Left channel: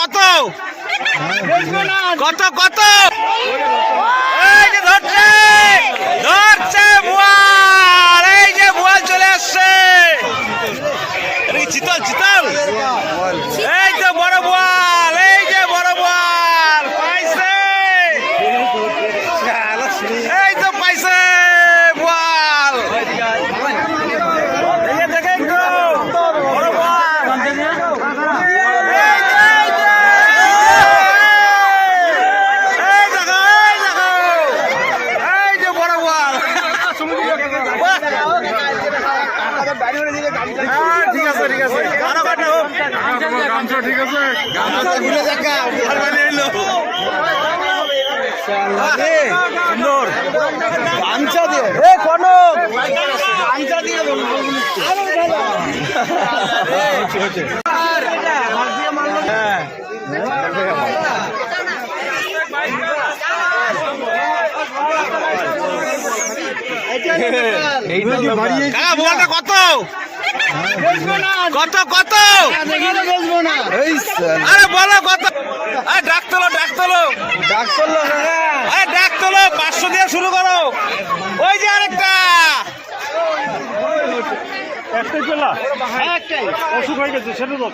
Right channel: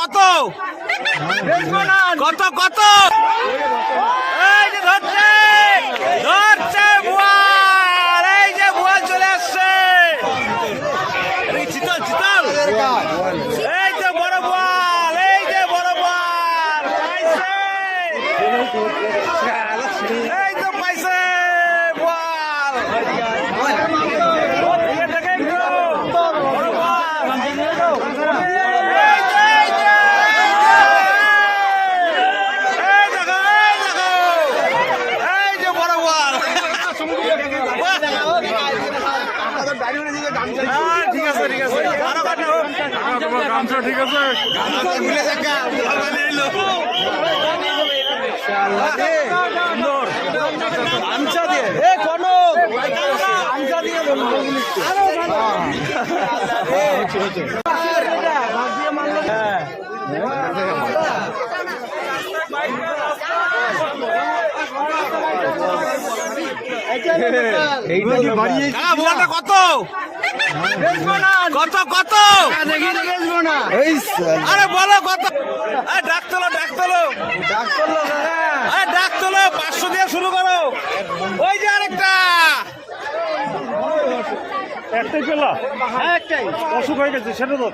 কত কত কত এই যে ধরছে ধরছে বোয়াল, এই যে বোয়াল চলে আসছে, চিতল চিতল, এই যে বড় বোয়াল, এই যে বড় বোয়াল পাইছে, এই তো পাইছে বোয়াল। কত কত কত আরে বলো কত, ডাক তোলো ডাক তোলো ডাক তোলো, ডাক তোলো, 500 দিয়ে শুরু করো। ওই যে আরেকটা একটাই চলা, একটাই অসুখ হয়ে গেছে সেটা তো।